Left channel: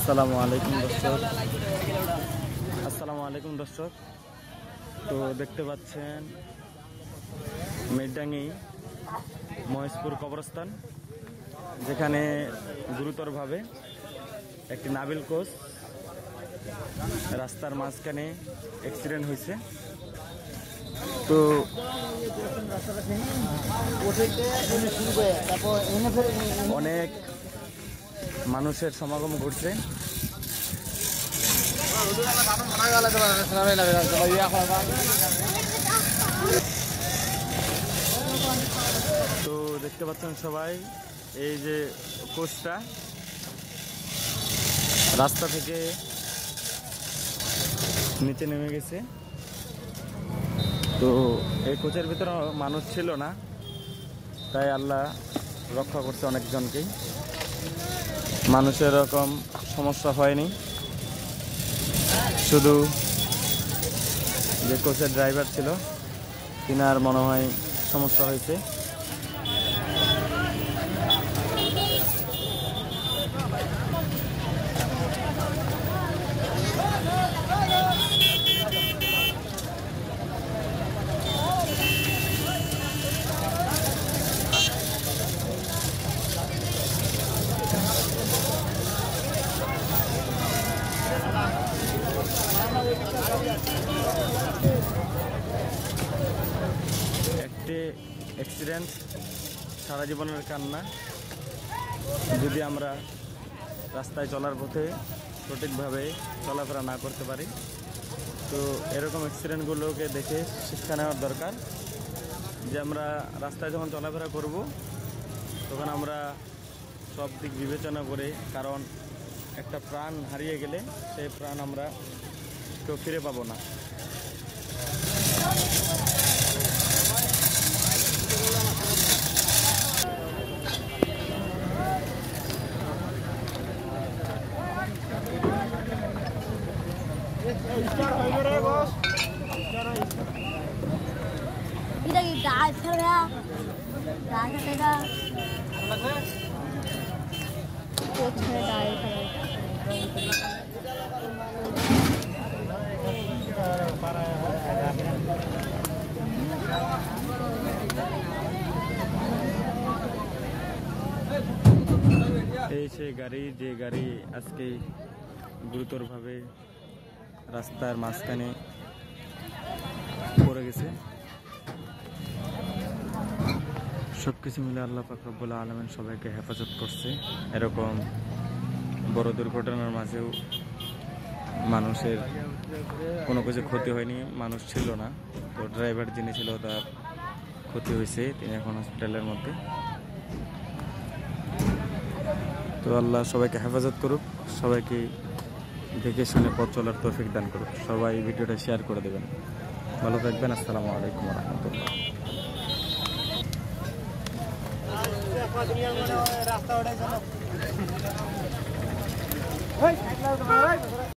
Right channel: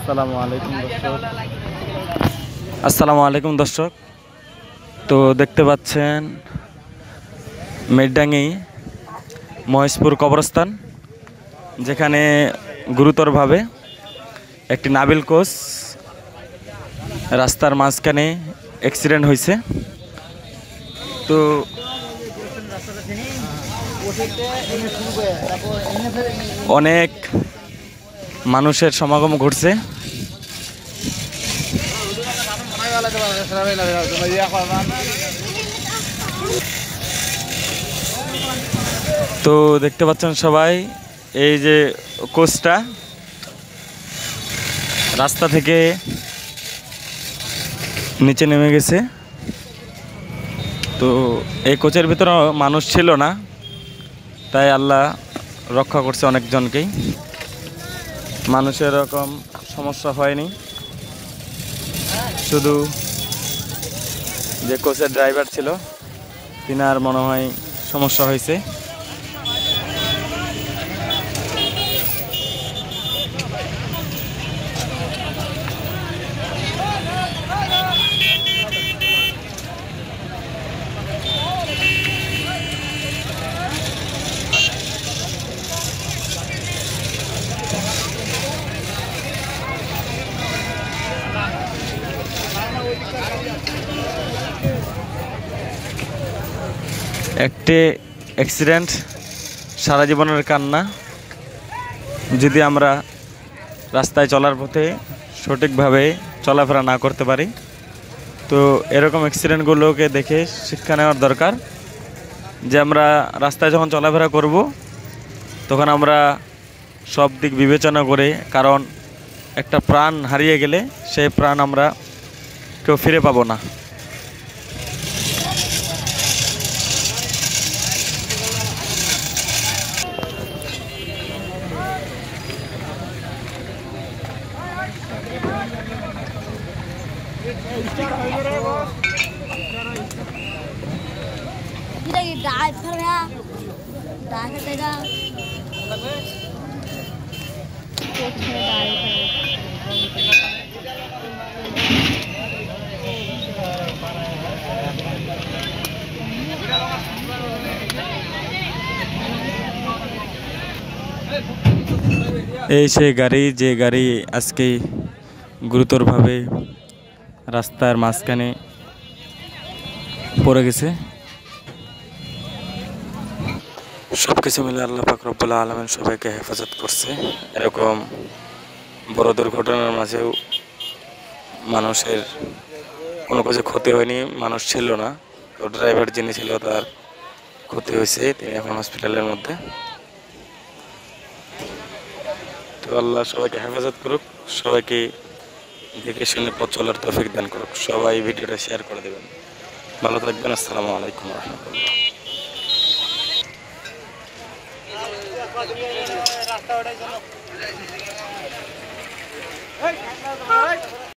আসসালামু আলাইকুম দর্শক। তো দেখতে পাচ্ছেন মেডডাঙ্গি মহেশপুর কবরস্থান, যেখানে গুরুতরভাবে একটি নাবিল কোচ রাস্তার মাঝখানে অ্যাক্সিডেন্ট হয়েছে। তো অনেক মানুষের সমাগম ঘটছে। তো দেখতে পাচ্ছেন সবাই, এই যে কোচটা রাস্তা থেকে নিচে নেমে গেছে। তো এই কোচের ভিতরে মানুষ ছিল না, তাই আল্লাহ রক্ষা করছে অনেকজনকেই, মানুষের এরকম সমস্যা হয়নি। শুধু যে কোচের ড্রাইভার ছিল তিনার মনে হয় সমস্যা হয়েছে। একটি অ্যাক্সিডেন্ট সারা জীবনের কান্না। যদি আমরা রাস্তায় চলার পথে সঠিকভাবে চলাফেরা না করতে পারি, তো এরকম অ্যাক্সিডেন্টগুলোকে দেখে শিক্ষা নেওয়ার দরকার যে আমরা রাস্তায় যখন চলাফেরা করব তখন আমরা সব দিক বিবেচনা করে, কারণ একটা প্রাণ হারিয়ে গেলে সেই প্রাণ আমরা কেউ ফিরে পাবো না। এই সেই গাড়ি, যে গাড়ি আজকে গুরুতরভাবে রাস্তার মাঝখানে পড়ে গেছে। সব কিছু মিলে আল্লাহ পাক রব্বুল আলামিন সবাইকে হেফাজত করছে। এরকম বড় দুর্ঘটনার মাঝেও মানুষের কোনো কিছু ক্ষতি হয়নি, মানুষ ছিল না। তো ড্রাইভার যিনি ছিল তার ক্ষতি হয়েছে, তিনি এখন হসপিটালের মধ্যে। তো আল্লাহ সবাইকে হেফাজত করুক, সবাইকে দেখে শুনে পথ চলার তৌফিক দান করুক। সবাই ভিডিওটা শেয়ার করে দেবেন। ভালো থাকবেন। আসসালামু আলাইকুম ওয়া রাহমাতুল্লাহ।